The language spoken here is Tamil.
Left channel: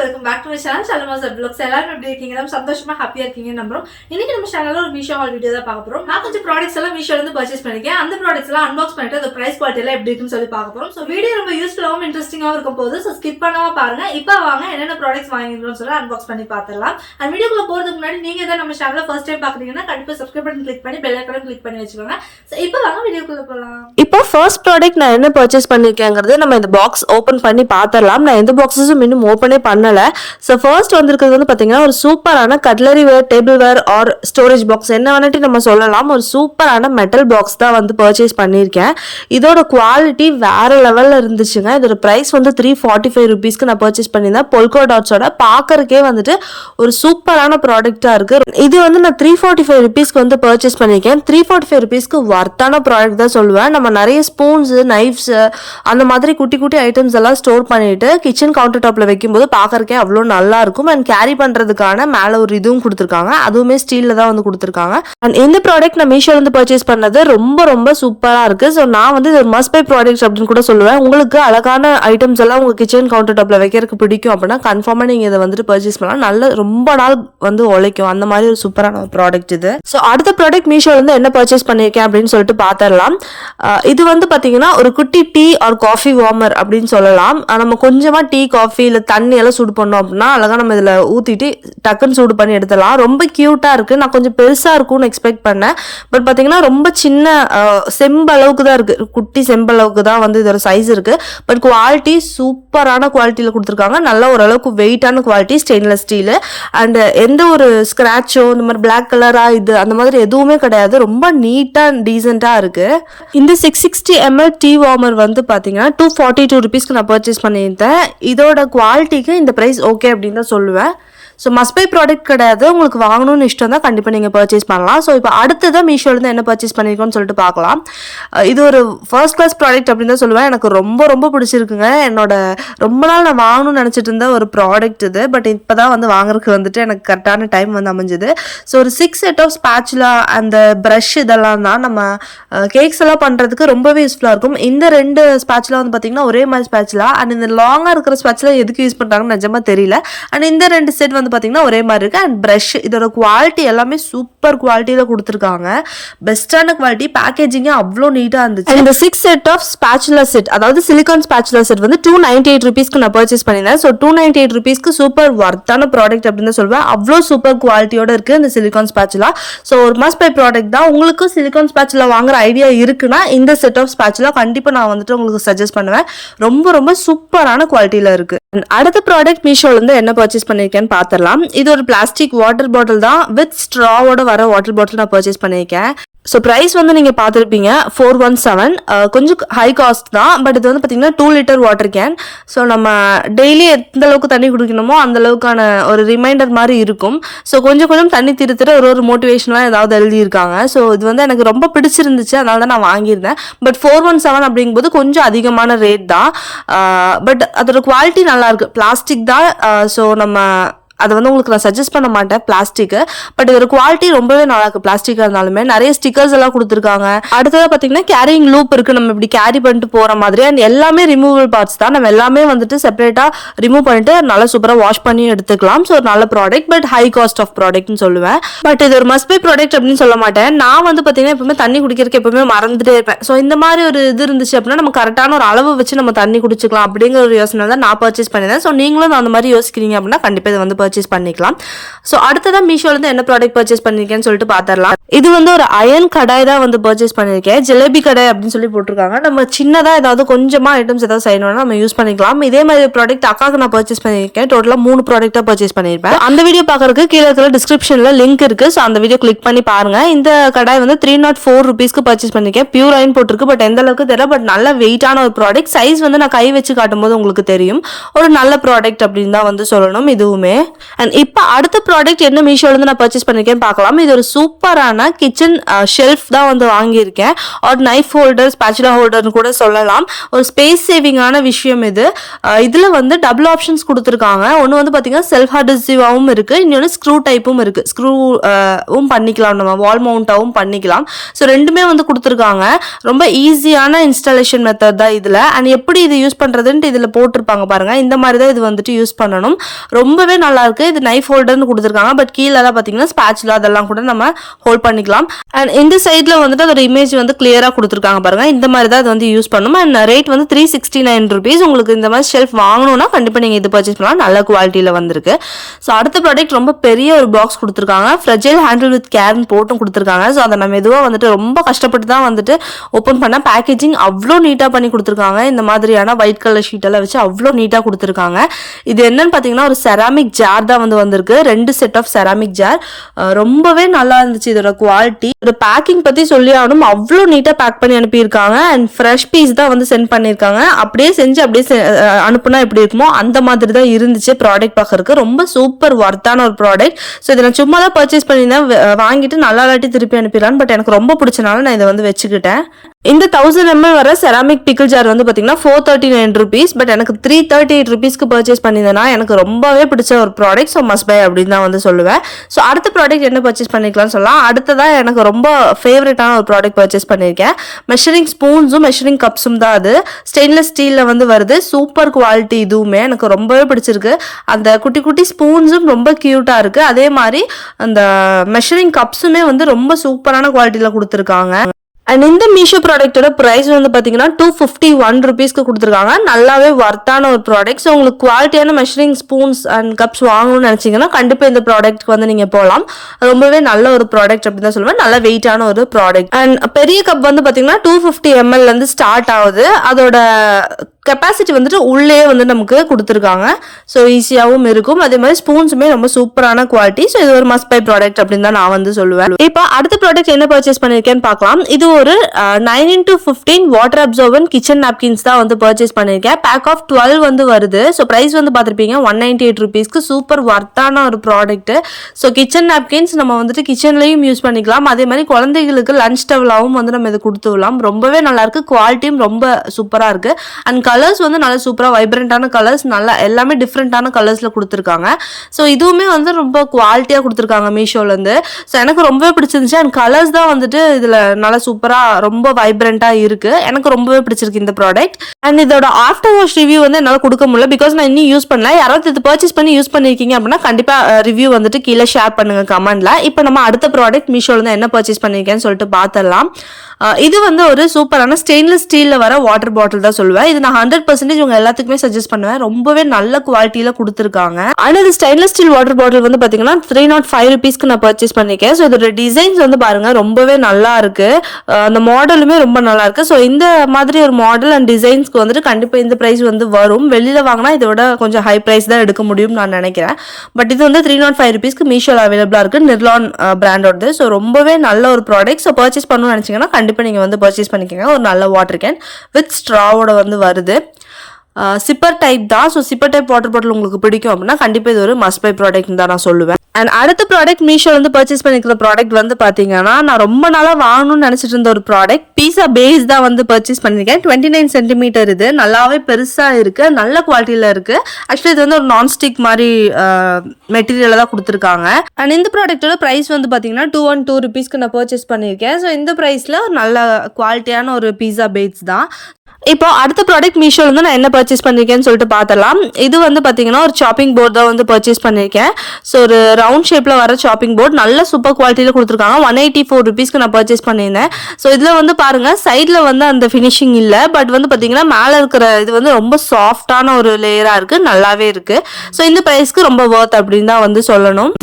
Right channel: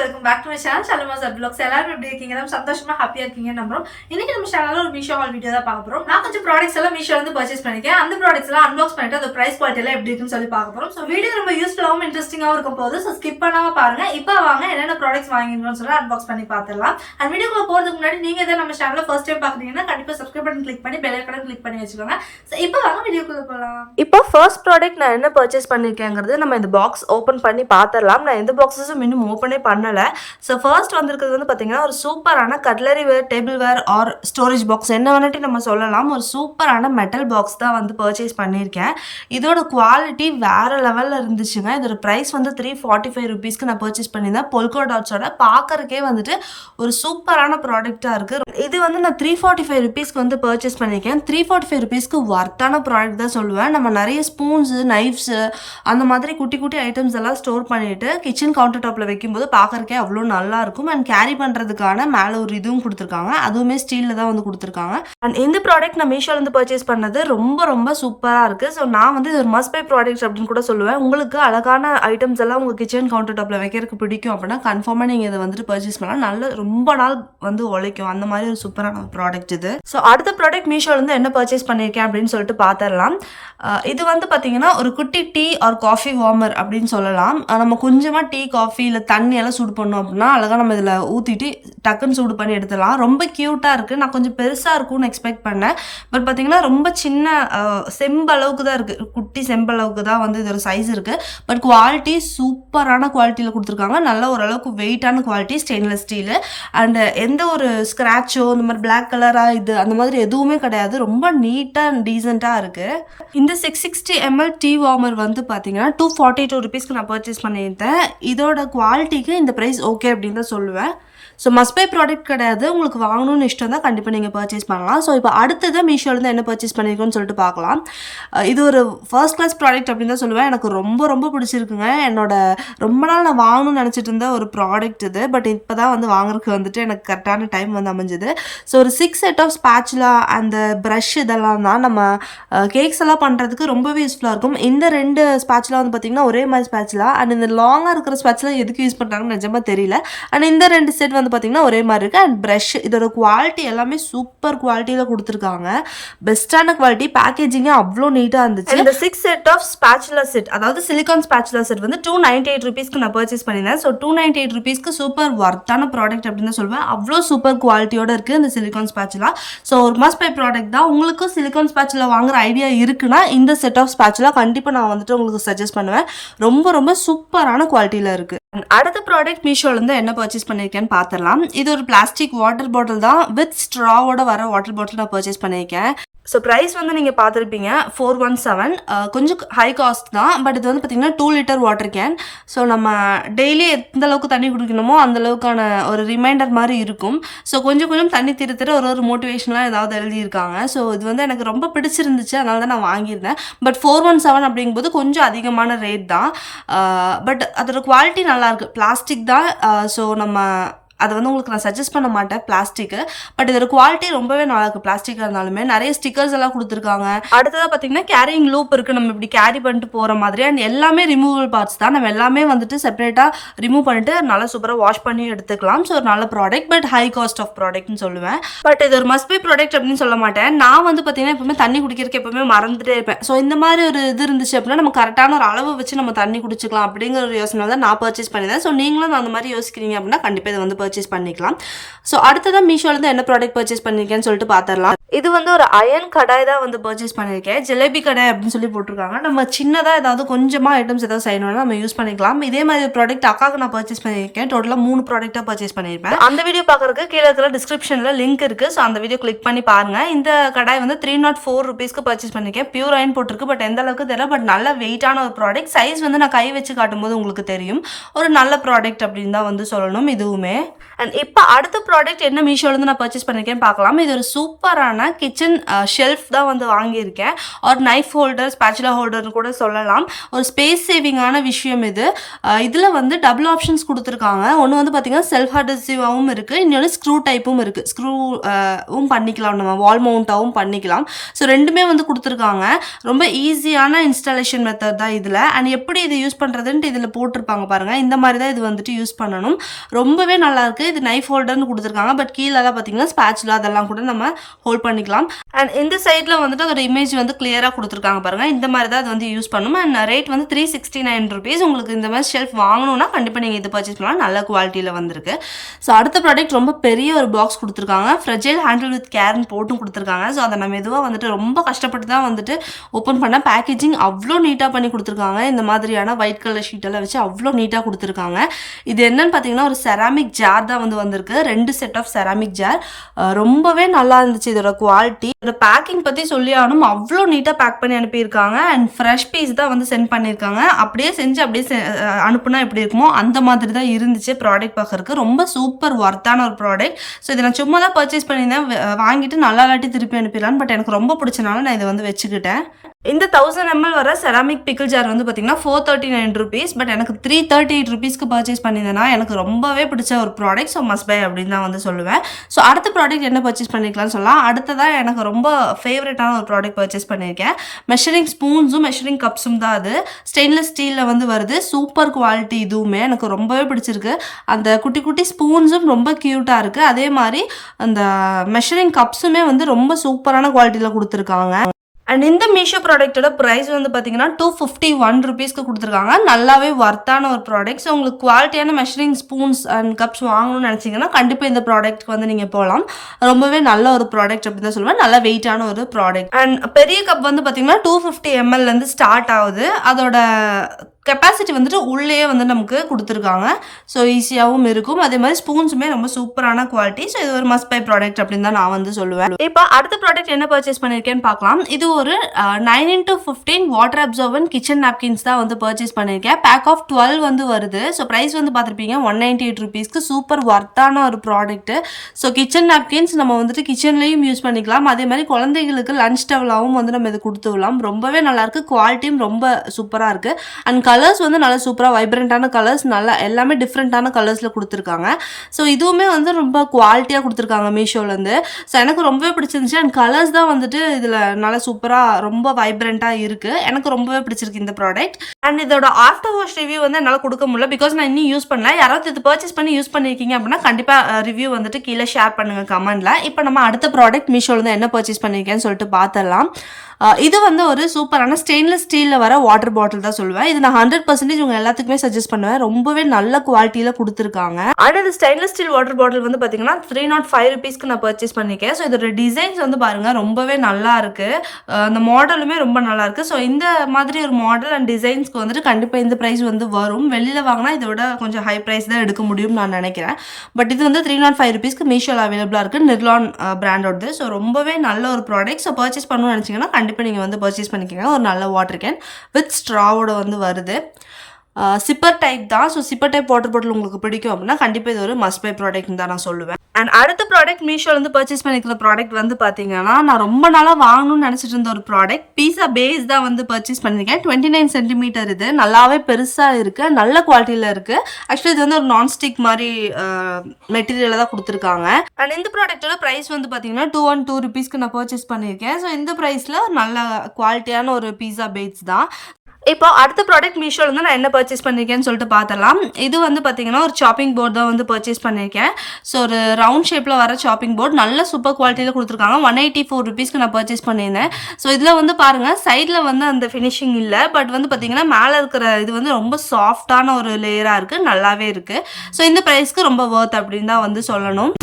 Welcome back to my channel Shalumas vlogs. எல்லாரும் எப்படி இருக்கீங்க? நம்ம சந்தோஷமா ஹாப்பியா இருக்கீங்க நம்புறோம். இன்னைக்கு நம்ம சேனல்ல ஒரு மீஷோ ஹால் வீடியோ தான் பார்க்க போறோம். நான் கொஞ்சம் ப்ராடக்ட்ஸ் எல்லாம் மீஷோல இருந்து பர்ச்சேஸ் பண்ணிருக்கேன். அந்த ப்ராடக்ட்ஸ் எல்லாம் அன்பாக்ஸ் பண்ணிட்டு அந்த பிரைஸ் குவாலிட்டி எல்லாம் எப்படி இருக்குன்னு சொல்லி பார்க்க போறோம். சோ வீடியோ ரொம்ப யூஸ்ஃபுல்லாவும் இன்ட்ரெஸ்டிங்காவும் இருக்கும் போது சோ ஸ்கிப் பண்ணாம பாருங்க. இப்போ வாங்க என்னென்ன ப்ராடக்ட்ஸ் வாங்கிருக்கோம்னு சொல்லி அன்பாக்ஸ் பண்ணி பார்த்துடலாம். அந்த வீடியோக்குள்ள போறதுக்கு முன்னாடி நீங்க இதை நம்ம சேனல்ல ஃபர்ஸ்ட் டைம் பாக்குறீங்கன்னா கண்டிப்பா சப்ஸ்கிரைப் பட்டன் கிளிக் பண்ணி பெல் ஐகானை கிளிக் பண்ணி வச்சுக்கோங்க. சோ இப்போ வாங்க வீடியோக்குள்ள போலாம். இப்போ ஃபர்ஸ்ட் ப்ராடக்ட் நான் என்ன பர்ச்சேஸ் பண்ணிருக்கேங்கிறது நம்ம இந்த பாக்ஸ் ஓபன் பண்ணி பார்த்துடலாம். நான் எந்த பாக்ஸஸும் இன்னும் ஓப்பனே பண்ணல. ஸோ ஃபர்ஸ்ட் வந்திருக்கிறது வந்து பார்த்தீங்கன்னா ஒரு சூப்பரான cutlery ware, table ware or storage box என்ன வேணுட்டு நம்ம சொல்லலாம். ஒரு சூப்பரான மெட்டல் பாக்ஸ் தான் வந்து பர்ச்சேஸ் பண்ணியிருக்கேன். இதோட குவாலிட்டி வேற லெவலில் இருந்துச்சுங்க. இதோட ப்ரைஸ் வந்து 345 ருபீஸ்க்கு நான் பர்ச்சேஸ் பண்ணியிருந்தேன். பொல்கோ டாட்ஸோட பார்க்கறக்கே வந்துட்டு ஒரு சூப்பரான ப்ராடக்டாக இருக்குது. இது வந்து நான் 345 ருபீஸ்க்கு வந்து பர்ச்சேஸ் பண்ணியிருக்கேன். 345 ருபீஸ்க்கு வர்த்தான ப்ராடக்ட் தான் சொல்லுவேன். நம்ம நிறைய ஸ்பூன்ஸு, நைஃப்ஸு அந்த மாதிரி குட்டி குட்டி ஐட்டம்ஸ் எல்லாம் ஸ்டோர் பண்ணிட்டு கிச்சன் கவுண்டர் டாப்ல வைக்கும்போது பார்க்கறக்கே அவ்வளோ நல்லா இருக்கும். அண்ட் கேரி பண்றதுக்கான மேல ஒரு இதுவும் கொடுத்துருக்காங்க. அதுவுமே ஸ்டீல்ல தான் வந்து கொடுத்துருக்காங்க. அண்ட் இந்த ப்ராடக்ட் நான் மீஷோல இருந்து பர்ச்சேஸ் பண்ணது ரொம்ப ரொம்ப சூப்பரா இருக்கு. ஸோ நான் வந்து இது மஸ்ட் பை ப்ராடக்ட் அப்படின்னு கூட சொல்லுவேன். உங்களுக்கு அழகான ஐட்டம்ஸ் எல்லாம் உங்க கிச்சன் கவுண்டர் டாப்ல வைக்கிறதுக்கு பிடிக்கும் அப்படின்னா கன்ஃபார்மா நீங்க இதை வந்துட்டு பர்ச்சேஸ் பண்ணலாம். நல்ல ரொம்ப நாள் வந்து உழைக்கும். அந்த மாதிரி ஒரு சூப்பரான ப்ராடக்ட் இது. ஸோ அடுத்த ப்ராடக்ட் மீஷோல இருந்து என்ன பர்ச்சேஸ் பண்ணியிருக்கேன் அப்படின்னு சொல்லிட்டு பார்த்துடலாம். இது வந்து பாத்தீங்கன்னா ஒரு குட்டி டீ ஆர் காஃபி வார்மர் அப்படின்னு சொல்லலாம். நம்ம கொஞ்சமா டீ, காஃபி இல்லை தண்ணி எல்லாம் சூடு பண்ணோம் அப்படின்னா அழகா நம்ம இதில் ஊற்றிட்டு டக்குன்னு சூடு பண்ணி எடுத்துடலாம். ரொம்ப க்யூட்டாக இருக்குது. நான் கொஞ்சம் பெருசாக இருக்கும்னு எக்ஸ்பெக்ட் பண்ணேன். பட் பார்த்தீங்கன்னா ரொம்ப சின்ன செம்பளவுக்கு தான் இருக்குது. குட்டி செம்பளவுக்கு தான் வந்து இதோட சைஸ் இருக்குது. பட் குவாலிட்டி சூப்பரான குவாலிட்டியில் கொடுத்துருக்காங்க. நல்ல ஓரளவுக்கு வெயிட்டான குவாலிட்டி, ஸ்டெயின்லெஸ் ஸ்டீலு. அண்ட் எந்த ஒரு ஸ்க்ராட்சோ இந்த மாதிரி பிளாக் கலராக இது அந்த மாதிரி எதுவுமே கிடையாது. ரொம்ப நீட்டாக டீசெண்டாக இருக்குது. இந்த 660 ml டீ வார்மர் வந்து பார்த்தீங்கன்னா 242 ருபீஸ்க்கு நான் பர்ச்சேஸ் பண்ணியிருந்தேன். இதோட குவாலிட்டிக்கு இந்த ப்ரைஸ் ஓகே அப்படின்னு தான் சொல்லுவேன். ஸோ மஸ்ட் பை ப்ராடக்ட் கிடையாது. உங்களுக்கு வாங்கணும்னு இஷ்டம் தான் கண்டிப்பாக நீங்கள் பர்ச்சேஸ் பண்ணலாம். ஸோ இப்போ அடுத்ததான் மீஷோலேருந்து என்ன பர்ச்சேஸ் பண்ணியிருக்கோன்னு சொல்லிட்டு பார்க்கலாம். இது ஒரு ஃபர்ஸ்ட் கிளாஸ் ப்ராடக்ட் அப்படின்னு தான் சொல்லுவேன். எனக்கு ரொம்ப ரொம்ப பிடிச்சிருக்குங்க. என்னோட ரொம்ப நாள் நான் வாங்கணும்னு நினச்சிட்டு இருந்த ஒரு ப்ராடக்ட் இது. பட் இப்போ தான் வந்து வாங்குறதுக்கு வந்துட்டு எனக்கு கரெக்டான டைம் வந்து அமைஞ்சுது. ஸோ ஒரு 6 செட் ஆஃப் ஸ்பேச்சுலா அந்த ப்ரஷ் இதெல்லாம் தான் நம்ம கேக்ஸ் எல்லாம் பண்ணுறதுக்கு ரொம்பவே யூஸ்ஃபுல்லாக இருக்கும். இந்த 2 ஸ்பேச்சுலா வந்து பார்த்திங்கன்னா ஒரே மாதிரி ஸ்பேச்சுலா. அண்ட் இந்த லாங்காக இருக்கிற ஸ்பேச்சுலா எதுக்கு யூஸ் பண்ணுறாங்கன்னு நிஜமாக தெரியல. அண்ட் இந்த 2 செட் வந்து பார்த்தீங்கன்னா ஒரே மாதிரி இருக்கு. அண்ட் ப்ரஷ் இதோட குவாலிட்டி எல்லாமே சூப்பர் குவாலிட்டியில கொடுத்துருக்காங்க. பெஸ்டான குவாலிட்டி. பேக்கேஜிங்கே அவ்வளோ நீட்டாக இருந்துச்சு. இந்த 6 செட் ஆஃப் ஸ்பேச்சுலா செட், அதாவது சிலிகான் ஸ்பேச்சுலா செட் வந்து 298 ருபீஸ்க்கு நான் பர்ச்சேஸ் பண்ணியிருந்தேன். ஸோ 298 ருபீஸ்க்கு சூப்பர் வர்த்தான ப்ராடக்ட் அப்படின்னு சொல்லுவேன். அவ்வளோ சூப்பர் குவாலிட்டியோட இருக்கு இந்த சிலிகான் ஸ்பேச்சுலா. ஸோ ஒரு மஸ்ட் பை ப்ராடக்ட் தான். உங்களுக்கு சிலிகான் ஸ்பேச்சுலா வாங்குற ஐடியா இருக்குன்னா இந்த செட் ஆஃப் ஸ்பேச்சுலா கண்டிப்பாக நான் வந்துட்டு உங்களுக்கு சஜஸ்ட் பண்ணுவேன். ரொம்ப ரொம்ப சூப்பரான குவாலிட்டியில இருக்கு. அடுத்த ப்ராடக்ட் மீஷோல இருந்து என்ன பர்ச்சேஸ் பண்ணியிருக்கேன்னு பார்த்துடலாம். இது ஒரு பிளாஸ்டிக் வாட்டர் பாட்டில் தான். வித் ஸ்ட்ராவோட வர வாட்டர் பாட்டில் நான் பர்ச்சேஸ் பண்ணியிருக்கேன். ஸோ ப்ரைஸ் வந்து நீங்கள் பார்த்துருப்பீங்க 417. கொஞ்சம் ஹை காஸ்ட் தான். பட் இது வந்து பார்த்தீங்கன்னா 2 லிட்டர் வாட்டர் கேன். ஸோ நம்ம டெய்லி எந்த அளவுக்கு தண்ணி குடிக்கணுமோ அந்த அளவுக்கான ஒரு ரிமைண்டர் மாதிரி இருக்கும். ஸோ கொஞ்சம் கொஞ்சம் தண்ணி திருத்துற ஒரு மோட்டிவேஷன்லாம் ஏதாவது எழுதியிருக்காங்க. ஸோ இது வந்து எனக்கு ரொம்ப பிடிச்சிருந்துச்சு. அதனால தான் நான் வாங்கியிருந்தேன். பட் 417 அப்படிங்கும்போது கொஞ்சம் அதிகமான ரேட் தான். பட் அதோட குவாலிட்டி நல்லாயிருக்கு. பிளாஸ்டிக் தான். ஸோ நம்ம அதை வந்து உங்களுக்கு நான் சஜஸ்ட் பண்ண மாட்டேன் பிளாஸ்டிக்கு. பட் இதோட குவாலிட்டி ரொம்பவே நல்லா இருக்கு. பிளாஸ்டிக்காக இருந்தாலுமே நிறைய ஸ்டிக்கர்ஸ் எல்லாம் கொடுத்துருக்காங்க. அடுத்ததாக பார்த்தீங்கன்னா கேரிங் லூப் இருக்கு. நம்ம இப்படி கேரி பண்ணிட்டு போற மாதிரி. அண்ட் எல்லாமே ரிமூவல் பார்ட்ஸ் தான். நம்ம எல்லாமே வந்துட்டு செப்பரேட்டாக ரிமூவ் பண்ணிட்டு நல்லா சூப்பராக வாஷ் பண்ணி எடுத்துக்கலாம். ஸோ ஒரு நல்ல product. But high cost of ப்ராடக்ட்னு சொல்லுவேன். பட் இது ஒரு மஸ்ட் பை ப்ராடக்ட் அப்படின்னு சொல்ல மாட்டேன். நான் வந்து பார்த்தீங்கன்னா எப்பவுமே தண்ணி குடிக்கிறதுக்கு எப்பவுமே மறந்துட்டே இருப்பேன். ஸோ இந்த மாதிரி ஒரு இது இருந்துச்சு அப்படின்னா நம்ம கரெக்டான ஒரு அளவு வச்சு நம்ம தண்ணி குடிச்சிக்கலாம் அப்படிங்கிற ஒரு யோசனை தான் நான் பர்ச்சேஸ் பண்ணியிருந்தேன். ஸோ நீங்களும் அந்த மாதிரி யோசிக்கிறீங்க அப்படின்னா கண்டிப்பாக இதை வந்து பர்ச்சேஸ் பண்ணிக்கலாம். சோ அடுத்ததான் மீஷோல இருந்து என்ன ப்ராடக்ட் பர்ச்சேஸ் பண்ணிருக்கேன்னு சொல்லிட்டு பாத்திரலாம். இது வந்து ஒரு அயன் கடாய் தான் வந்து பர்ச்சேஸ் பண்ணிருக்கேன். ஜிலேபி கடாய் அப்படின்னு சொல்லி போட்டிருக்காங்க. நம்ம சின்னதா ஏதாவது கொஞ்சமா ஐட்டம்ஸ் ஏதாவது செய்யணும்னா நம்ம யூஸ் பண்ணிக்கலாம். இதே மாதிரி ப்ராடக்ட் அக்காவுக்கு நான் பர்ச்சேஸ் பண்ணிருக்கேன். டோட்டலா 3 ப்ராடக்டா பர்ச்சேஸ் பண்ணிருப்பேன். அந்த வீடியோ பாக்குறதுக்கு கீழே இருக்கிற டிஸ்கிரிப்ஷன்ல லிங்க் இருக்கு. சோ அந்த வீடியோ கிளிக் பண்ணி பாருங்க. இந்த கடாய் வந்து 304 ருபீஸ்க்கு பர்ச்சேஸ் பண்ணிருக்கேன். பியூர் அயன் போட்டிருக்கு. பட் எந்த அளவுக்கு தெரியல. பட் நல்ல வெயிட்டான ஒரு ப்ராடக்ட். சைஸ் வந்து நான் கை வச்சு காட்டும் போது உங்களுக்கு தெரியும். ஒரு நல்ல ப்ராடக்ட் அப்படின்னு தான் வந்து சொல்லணும். இதுவுமே அண்ட் இப்போ அடுத்த ப்ராடக்ட் என்ன மீஷோலேருந்து நான் பர்ச்சேஸ் பண்ணியிருக்கேன்னு பார்க்கலாம். இது ஒரு சூப்பரான கிச்சன் ஷெல்ஃப் தான் வந்து வாங்கியிருக்கேன். ஒரு நைஃப் ஹோல்டர், ஸ்பேச்சுலா ஹோல்டர்னு கூட சொல்லலாம். ஒரு ஸ்பேஸ் சேவிங்கான விஷயம் இது. இதில் வந்து டபுள் ஆப்ஷன்ஸ் கொடுத்துருக்காங்க. ஒன்று வந்து பார்த்தீங்கன்னா செல்ஃப் அட்ஹெசிவாகவும் இருக்குது, இன்னொன்று ஸ்க்ரூ டைப்பும் இருக்குது. ஸ்க்ரூவும் பண்ணிக்கலாம், நம்ம வால் மவுண்டாகவும் பண்ணிக்கலாம். ஸோ ரெண்டுமே வந்து கொடுத்துருக்காங்க. ரொம்ப ஈஸியான இன்ஸ்டாலேஷன் மெத்தட் தான் இதில். அண்ட் எப்படி இது யூஸ் பண்ணுறதுன்ட்டு இதில் போட்டிருப்பாங்க பாருங்கள். இந்த மாதிரி தான் இது வந்துட்டு யூஸ் பண்ணணும். ரொம்பவே நல்லா இருக்கு. இது நைஃப் ஹோல்டர்னு கொடுத்துருக்காங்க. பட் கீழே தான் பார்த்தீங்கன்னா ஸ்பேச்சுலா அதெல்லாம் கூட நம்ம ஹோல்ட் பண்ணிக்கலாம். அண்ட் இந்த சைடில் வந்துட்டு அதோட இமேஜ் வந்து கிளியராக கொடுத்துருக்காங்க பாருங்க. இந்த மாதிரி தான் அது வந்து யூஸ் பண்ணணும். அண்ட் ரேட் வந்து 369 rupees. உங்களுக்கு இந்த மாதிரி ஷெல்ஃப் வாங்கணும்னா கண்டிப்பாக நீங்கள் இது பர்ச்சேஸ் பண்ணலாம். நல்ல குவாலிட்டியில் வந்திருக்கு. ஸோ அடுத்த ப்ராடக்ட் ரொம்ப பெரிய ஒரு பாக்ஸ் கொடுத்துருக்காங்க. ஃப்ரெஜைல் ஹேண்டில் வித் கேர்னு போட்டும் கொடுத்துருக்காங்க. ஸோ அதை நம்ம மெதுவாக வந்துட்டு ரொம்ப கஷ்டப்பட்டு தான் வந்துட்டு ஓப்பன் பண்ண. பேக்கேஜிங் அவ்வளோ நீட்டாக பண்ணி கொடுத்துருக்காங்க. இந்த மாதிரியான ஒயிட் கலர் ஷீட்டெல்லாம் வச்சு அவ்வளோ நீட்டாக கொடுத்துருக்காங்க. இது என்னன்னு பார்த்தீங்கன்னா ஒரு செராமிக் ஜார் தான் வந்து வந்திருக்கு. 2 செட் ஆஃப் செராமிக் ஜார். ரொம்பவே நல்லா இருந்துச்சு இதோட குவாலிட்டி. இதோட பேக்கிங் பற்றி சொல்லி ஆகணும். அவ்வளோ நீட்டாக பேக் பண்ணி அனுப்பியிருக்காங்க. அண்ட் ஃப்ரெஷ் பீஸ் தான் வந்து சென்ட் பண்ணியிருக்காங்க. அப்படியே செஞ்சு அப்படியே அனுப்புனா எப்படி இருக்குமோ அந்த மாதிரி தான் இருந்துச்சு ப்ராடக்ட் பார்க்கறதுக்கு. ரொம்ப சூப்பர் ஒர்த்தான ஒரு ப்ராடக்ட். ஸோ இதை நான் சும்மா தான் பர்ச்சேஸ் பண்ணியிருந்தேன். வாங்கிட்டு நல்லா இல்லாட்டி திருப்பி அனுப்பிடலான்னு. பட் எனக்கு ரொம்ப பிடிச்சனால நான் இதை வந்து வச்சுக்கிட்டேன். இந்த 1000 ml வர செராமிக் பிக்கிள் ஜார் வந்து பார்த்தீங்கன்னா 439 rupees. பட் எனக்கு 338 rupeesக்கு பர்ச்சேஸ் பண்ணியிருந்தேன்னா எனக்கு ரொம்பவே பிடிச்ச ஒரு ப்ராடக்ட். ஸோ மஸ்ட் பை அப்படின்னு தான் வந்து சொல்லுவேன். ஸோ அடுத்த ப்ராடக்ட் என்ன பர்ச்சேஸ் பண்ணிக்கலாம்னு சொல்லலாம். அடுத்ததான் எனக்கு ரொம்ப ஃபேவரட்டான ஒரு ப்ராடக்ட் பர்ச்சேஸ் பண்ணியிருக்கேன். மெஷரிங் ஸ்பூன்ஸும் மெஷரிங் கப்ஸும் தான். அது ஸ்டெயின்லெஸ் ஸ்டீலில் வந்து வருது. Super quality. இதுவுமே எனக்கு ரொம்பவே பிடிச்சிருக்கு. அந்த குட்டி குட்டி ஸ்பூன்ஸும் ரொம்ப க்யூட்டாக இருக்குது. அதே மாதிரி அந்த மெஷரிங் கப்ஸுமே வந்து ரொம்ப சூப்பரான குவாலிட்டியில் கொடுத்துருக்காங்க. அண்ட் இந்த மீஷோ ப்ராடக்ட்டோட ப்ரைஸ் வந்து பார்த்தீங்கன்னா 251 rupeesக்கு கொடுத்துருக்காங்க. நல்லாவே ஒர்த்தான ஒரு ப்ராடக்ட். ஸோ உங்களுக்கு குவாலிட்டியான மெஷரிங் ஸ்பூன்ஸ் அண்ட் கப்ஸ் வாங்கணும்னு நினச்சிங்கன்னா கண்டிப்பாக இந்த ப்ராடக்ட்க்கு வந்து நீங்கள் போகலாம். ரொம்பவே நல்ல ஒரு ப்ராடக்ட் அப்படின்னு தான் சொல்லுவேன். நல்ல வெயிட்டான ஒரு ப்ராடக்ட். அண்ட் பெரிய கப் வந்து பார்த்தீங்கன்னா 250 ml ஸ்டார்ட் ஆகுது. அதோட கெப்பாசிட்டி வந்துட்டு உள்ளே வந்து நமக்கு கொடுத்துருக்காங்க. ஸோ ஈஸியாகவும் இருக்கும். அதே மாதிரி ஸ்பூன்ஸுமே ரொம்ப சூப்பரான குவாலிட்டி. ஸோ இது ஒரு மஸ்ட் பை ப்ராடக்ட் அப்படின்னு தான் நான் வந்து சொல்லுவேன். இப்போ அடுத்த ப்ராடக்ட் என்ன பர்ச்சேஸ் பண்ணியிருக்கேன்னு பார்க்கலாம். இது ஒரு 9x15 வாட்டர் அப்சர்வன் கிச்சன் நாப்கின்ஸ் தான் வந்து பர்ச்சேஸ் பண்ணியிருக்கேன். பேக் ஆஃப் 12 வந்து வருது. ஸோ ப்ரைஸ் வந்து பார்த்துருப்பீங்க 198 rupeesக்கு. சூப்பர் ஒர்த்தான ஒரு ப்ராடக்ட். ஸோ கிச்சன் நாப்கின்ஸ் நம்ம வந்துட்டு கிச்சன்லையும் யூஸ் பண்ணிக்கலாம். அதே மாதிரி குழந்தைகளுக்கு லஞ்ச் டவலாகவும் வந்து நம்ம இது கொடுத்து விடலாம். ரொம்பவே நல்லா இருக்கு. குவாலிட்டியும் ரொம்ப சூப்பராக இருக்கு. அண்ட் கலர்ஸ் வந்து நல்லா சூப்பராக வைப்ரண்டான கலர்ஸ், நல்லா எல்லாமே டிஃப்ரெண்ட்டான கலர்ஸில் கொடுத்துருக்காங்க. ஸோ இதுவுமே வந்து ரொம்ப குவாலிட்டியாக கொடுத்துருக்காங்க மீஷோலேருந்து. ஸோ எனக்கு ரொம்பவே பிடிச்சிருந்துச்சு. அண்ட் கலர்ஸ் தான் வந்துட்டு இதில் நல்லா சூப்பராக ரொம்ப வைப்ரண்டாக இருக்குது. எனக்கு ரொம்பவே பிடிச்சிருக்கு இந்த ப்ராடக்ட். அண்ட் இதோட ஆஃப்டர் வாஷ் ரிவ்யூ வந்து என்னால் கொடுக்க முடியல. பிகாஸ் நான் இன்னும் யூஸ் பண்ணல. யாராவது இது பர்ச்சேஸ் பண்ணி யூஸ் பண்ணியிருக்கீங்க அப்படின்னா கண்டிப்பாக ரிவ்யூ வந்துட்டு கீழே ஷேர் பண்ணுங்கள் கமெண்ட்ல. இப்போ நம்ம அடுத்த ப்ராடக்ட் மீஷோலேருந்து என்ன பர்ச்சேஸ் பண்ணியிருக்கேன்னு சொல்லிட்டு பார்த்துடலாம். இது வந்து ஒரு சூப்பரான ஸ்டெயின்லெஸ் ஸ்டீலில் வர வாட்டர் பாட்டில் தான் சொல்லுவேன். இது நான் 100% உங்க எல்லாத்துக்குமே சஜஸ்ட் பண்ணுவேன். ரொம்பவே நல்ல குவாலிட்டியில் கொடுத்துருக்காங்க. ஆனால் இது ஸ்டெயின்லெஸ் ஸ்டீல் வாட்டர் பாட்டில் வந்து பார்த்தீங்கன்னா 305 rupeesக்கு நான் பர்ச்சேஸ் பண்ணியிருக்கேன். ஸோ இதோட டிசைன்ஸ் வந்து பாருங்கள் ரொம்பவே நல்லா இருக்கு. அந்த மாடலுமே ரொம்ப நல்லா இருக்கு. ஸோ இந்த மாதிரி ஒரு மாடல் அண்ட் டிசைன்ஸ்க்கு வந்துட்டு கண்டிப்பாக இந்த ப்ரைஸ் வந்து வரும். வெளியில் வாங்கினா இதோட கொஞ்சம் ஹை ப்ரைஸ் தான் எடுக்க முடியும்னு நான் நினைக்கிறேன். பட் இது வந்து 305 rupeesக்கு மீஷோவில் அவைலபிளாக இருக்குது. நிர்லான் பிராண்டோடது. ஸோ ரொம்பவே நல்ல ஒரு ப்ராடக்ட். ஸோ பர்ச்சேஸ் பண்ணணும்னு நினச்சிங்கன்னா கண்டிப்பாக நீங்கள் வந்து பர்ச்சேஸ் பண்ணிக்கோங்க. ஒரு நல்ல வாட்டர் கேன் வித் ஸ்ட்ராவோட வந்து வருது. சிப்பர் டைப் தான். ஸோ சிப்பர் டைப் வாட்டர் பாட்டில் உங்களுக்கு பிடிக்கும் அப்படின்னா கண்டிப்பாக இது ஒரு மஸ்ட் பை ப்ராடக்ட் தான் நான் சொல்லுவேன். அண்ட் அடுத்த ப்ராடக்ட் மீஷோ வந்து பர்ச்சேஸ் பண்ணிக்கிற ப்ராடக்ட் வந்து பார்த்தீங்கன்னா நான் ரொம்ப நாளாக வாங்கணும்னு நினச்சிட்டு இருந்த ஒரு ப்ராடக்ட் பீஸா பேஸ் தான் வந்து பர்ச்சேஸ் பண்ணியிருக்கேன். 29 cm இது நல்லாவே பெருசாக இருக்குது. நல்ல குவாலிட்டியில் இருக்குது. ஆக்சுவலி இது வந்து ஒரு நான்ஸ்டிக் மாதிரி மெட்டீரியலில் தான் கொடுத்துருக்காங்க. அண்ட் இந்த ப்ராடக்ட்டோட ப்ரைஸ் வந்து பார்த்தீங்கன்னா 212 rupeesக்கு நான் பர்ச்சேஸ் பண்ணியிருக்கேன். ஸோ இந்த ப்ரைஸில் நல்ல குவாலிட்டியான ஒரு பீஸா பேஸ் தான். இப்போ அடுத்த ப்ராடக்ட் மீஷோலேருந்து நான் என்ன பர்ச்சேஸ் பண்ணியிருக்கேன்னு சொல்லிட்டு பார்த்தலாம். இது வந்து பார்த்தீங்கன்னா ஒரு சாப்பிங் போர்டு தான் வந்து பர்ச்சேஸ் பண்ணியிருக்கேன். ஸோ ஒரு ரவுண்ட் ஷேப்பில் வர சாப்பிங் போர்டு நல்ல சூப்பர் குவாலிட்டியில் கொடுத்துருக்காங்க. 184 rupeesக்கு நான் பர்ச்சேஸ் பண்ணியிருந்தேன். ஸோ இதில் வந்து பாருங்கள் சைடில் வந்து அந்த ஃபினிஷிங் இல்லை. பட் வந்து பார்த்தீங்கன்னா மேலே இருக்கிற இது வந்து ரொம்ப சாஃப்டான ஒரு லேயராக இருக்குது. நல்லாவே இருக்குது. ஸோ இந்த ப்ரைஸ்க்கு ரொம்ப வர்த் அப்படின்னு தான் வந்து சொல்லணும்.